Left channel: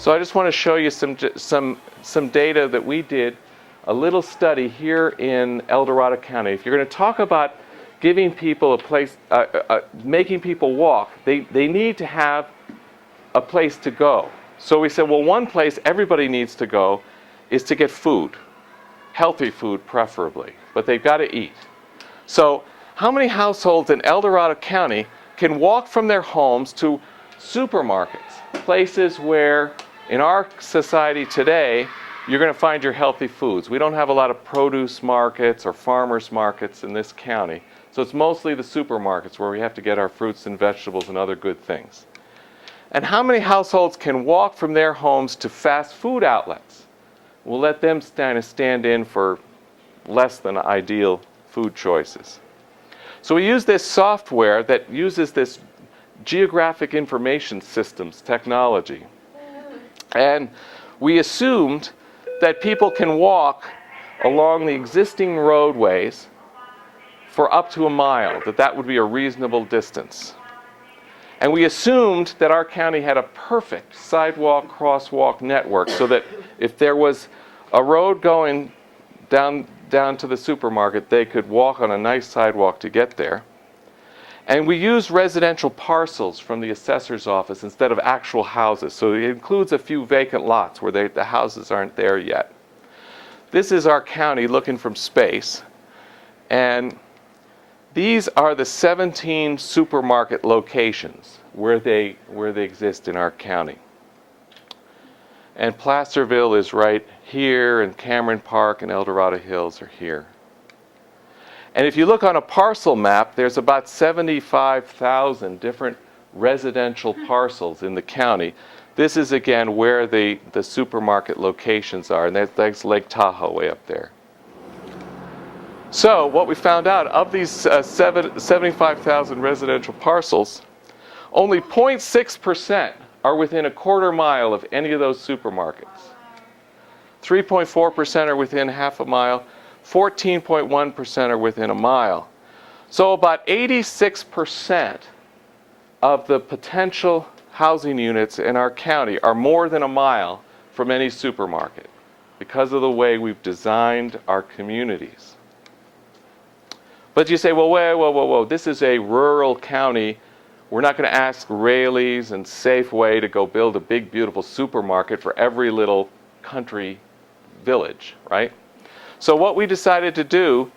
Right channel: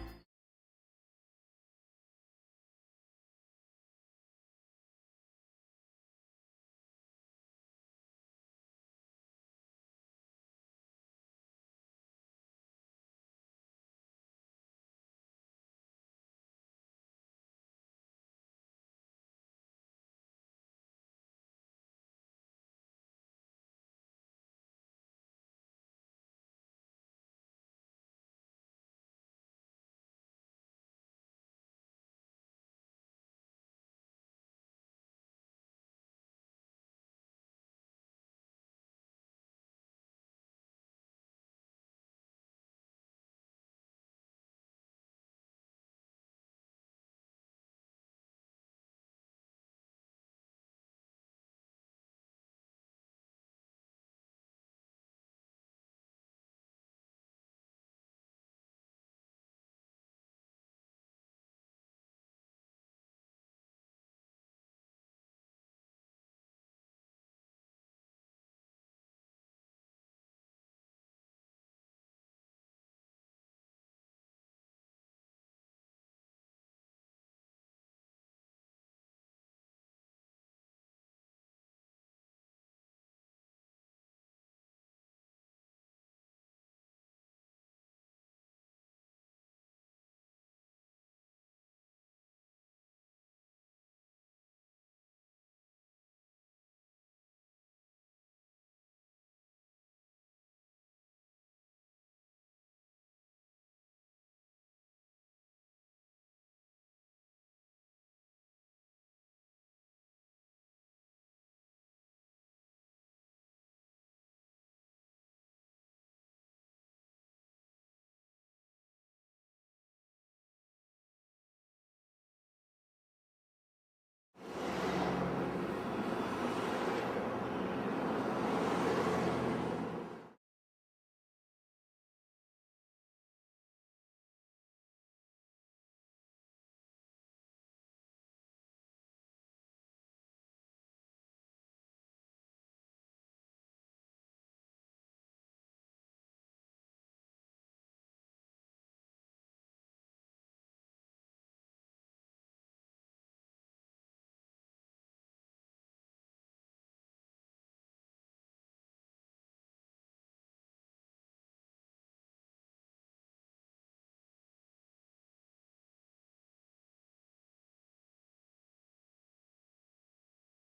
So I just want to show you some data that we did, a little study here in El Dorado County. If you're going to talk about giving people a place, making people walk, they need to have a place to go. So we said, well, one place everybody needs to go is to get food, healthy food preferably, but they've got to eat. So how many households in El Dorado County can walk from their homes to supermarkets, places where in our society today you're going to find your healthy foods? We don't have a lot of produce markets or farmers markets in this county, so it's mostly the supermarkets where we have to get our fruits and vegetables and other good things. And how many households can walk from their homes to fast food outlets? We'll let them kind of stand in for less than ideal food choices. So we use this software that uses this geographic information systems technology. And we assumed that people can walk along the existing roadways for up to a mile, that would be a reasonable distance. And we assumed that our county had a perfect sidewalk crosswalk network so that if there was a road going down to the supermarket, they could walk on a nice sidewalk to get there. And we used residential parcels from the assessor's office instead of actual houses. So it includes a few vacant lots where the houses aren't there yet. This is our county looking from space. And these are the 17 supermarket locations where they exist in our county. And Placerville is right here, and Cameron Park and El Dorado Hills are here. And if you look on a parcel map, there's about 75,000 different residential parcels in the county. This is, again, where the supermarket locations are, and that's Lake Tahoe way up there. So what we found out, of these 75,000 residential parcels, only 0.6% are within a quarter mile of any of those supermarkets. 3.4% are within half a mile. 14.1% are within a mile. So about 86% of the potential housing units in our county are more than a mile from any supermarket because of the way we've designed our communities. But you say, well, whoa, this is a rural county. We're not going to ask Raley's and Safeway to go build a big, beautiful supermarket for every little country village, right? So what we decided to do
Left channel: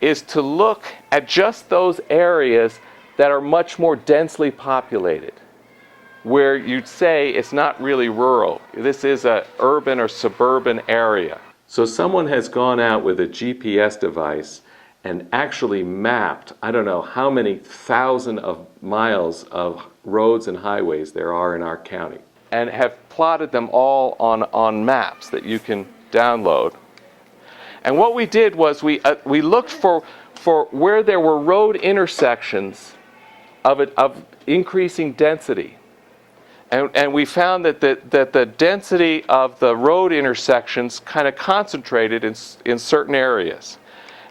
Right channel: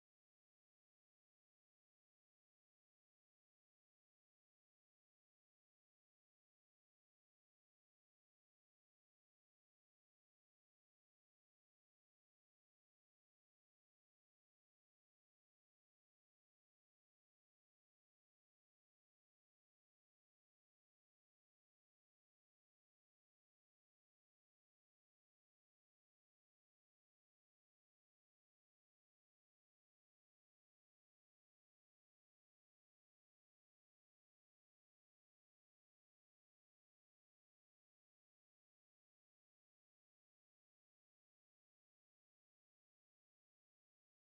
is to look at just those areas that are much more densely populated, where you'd say it's not really rural. This is an urban or suburban area. So someone has gone out with a GPS device and actually mapped, I don't know how many thousand of miles of roads and highways there are in our county, and have plotted them all on maps that you can download. And what we did was we looked for where there were road intersections of increasing density. And we found that the density of the road intersections kind of concentrated in certain areas.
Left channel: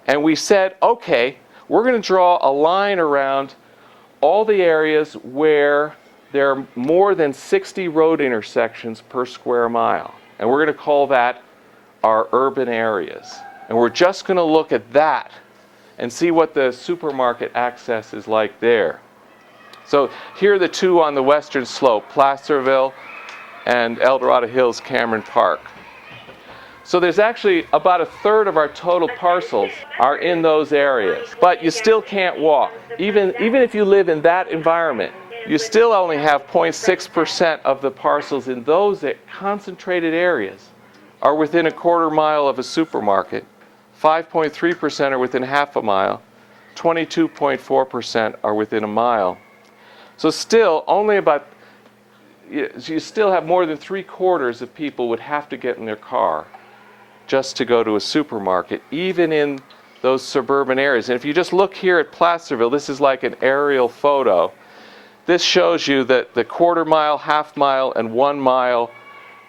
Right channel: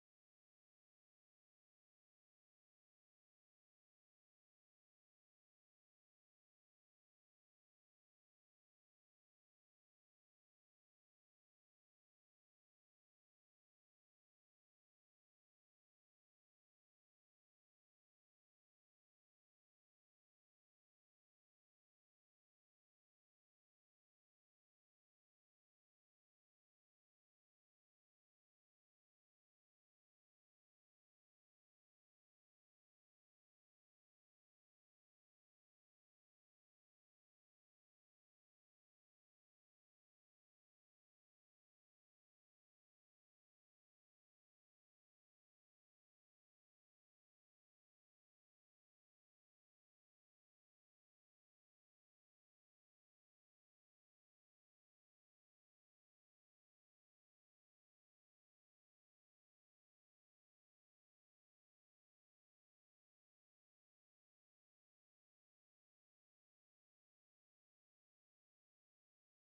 And we said, okay, we're going to draw a line around all the areas where there are more than 60 road intersections per square mile. And we're going to call that our urban areas. And we're just going to look at that and see what the supermarket access is like there. So here are the two on the western slope, Placerville and El Dorado Hills, Cameron Park. So there's actually about a third of our total parcels are in those areas. But you still can't walk. Even if you live in that environment, you still only have 0.6% of the parcels in those concentrated areas are within a quarter mile of a supermarket. 5.3% are within half a mile. 22.4% are within a mile. So still, you still have more than 3/4 of people would have to get in their car just to go to a supermarket, even in those suburban areas. And if you just look here at Placerville, this is like an aerial photo. This shows you that the quarter mile, half mile, and 1 mile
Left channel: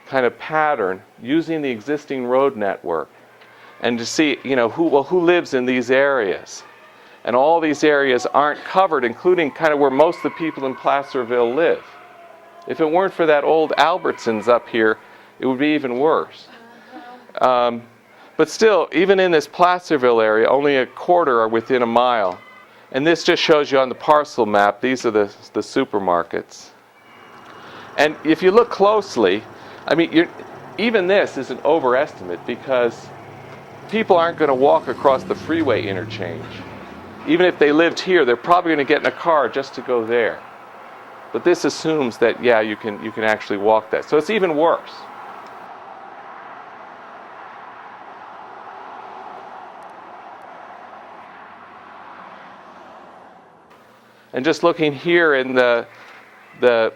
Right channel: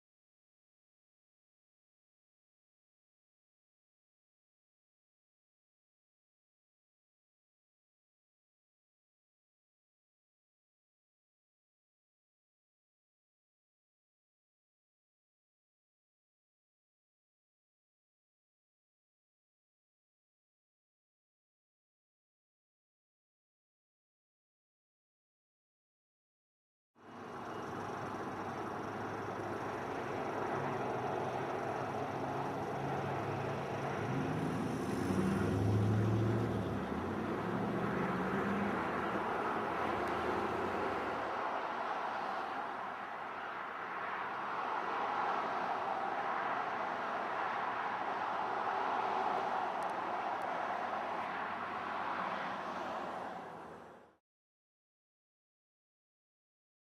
kind of pattern using the existing road network, and to see, who lives in these areas. And all these areas aren't covered, including kind of where most of the people in Placerville live. If it weren't for that old Albertsons up here, it would be even worse. But still, even in this Placerville area, only a quarter are within a mile. And this just shows you on the parcel map, these are the supermarkets. And if you look closely, I mean, even this is an overestimate because people aren't going to walk across the freeway interchange. Even if they lived here, they're probably going to get in a car just to go there. But this assumes that, yeah, you can actually walk that. So it's even worse. And just looking here in the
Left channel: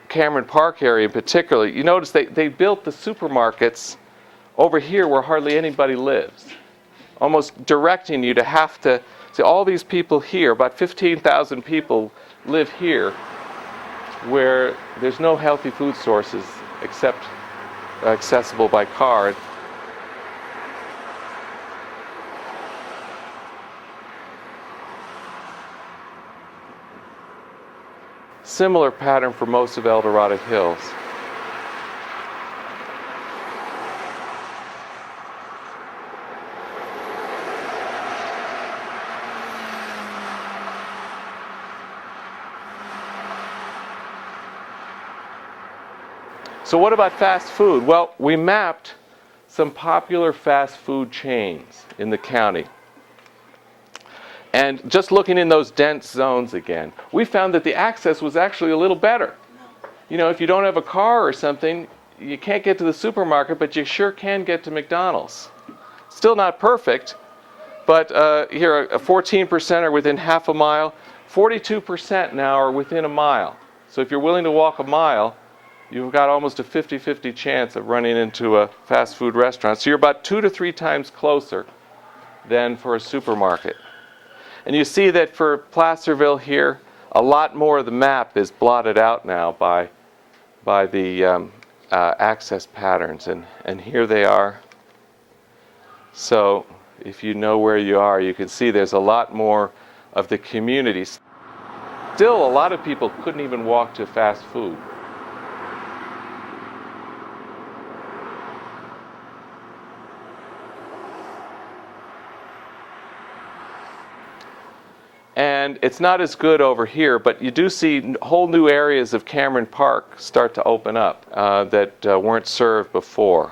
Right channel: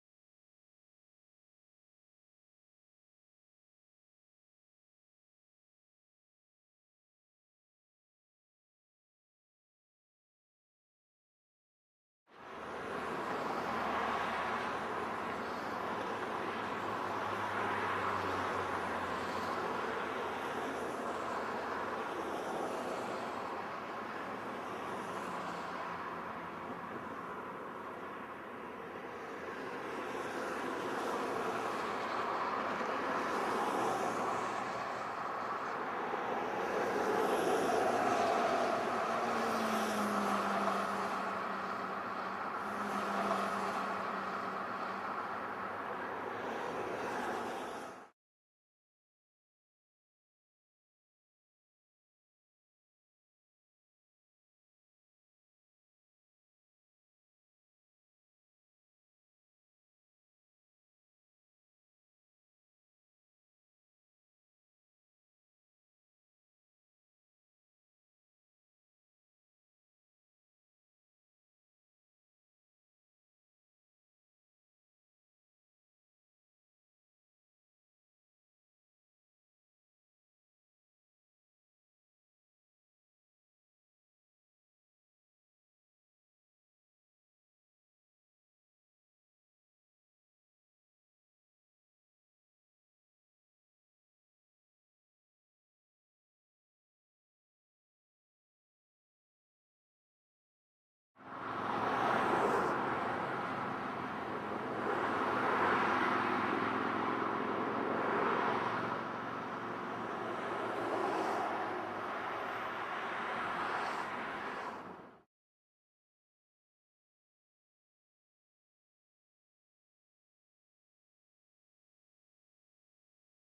Cameron Park area in particular, you notice they built the supermarkets over here where hardly anybody lives, almost directing you to have to see all these people here, about 15,000 people live here, where there's no healthy food sources except accessible by car. Similar pattern for most of El Dorado Hills. So what about fast food? Well, we mapped some popular fast food chains in the county. And just looking in those dense zones again, we found that the access was actually a little better. You know, if you don't have a car or something, you can't get to the supermarket, but you sure can get to McDonald's. Still not perfect, but here 14% are within half a mile. 42% now are within a mile. So if you're willing to walk a mile, you've got almost a 50-50 chance of running into a fast food restaurant. So you're about 2 to 3 times closer than for a supermarket. And you see that for Placerville here, a lot more of the map is blotted out now by the access patterns. And here they are. So if you know where you are, you can see there's a lot more of the communities. Still, a lot of people couldn't even walk to fast food. And it's not as good over here, but you do see whole new areas of Cameron Park start to open up that weren't served before.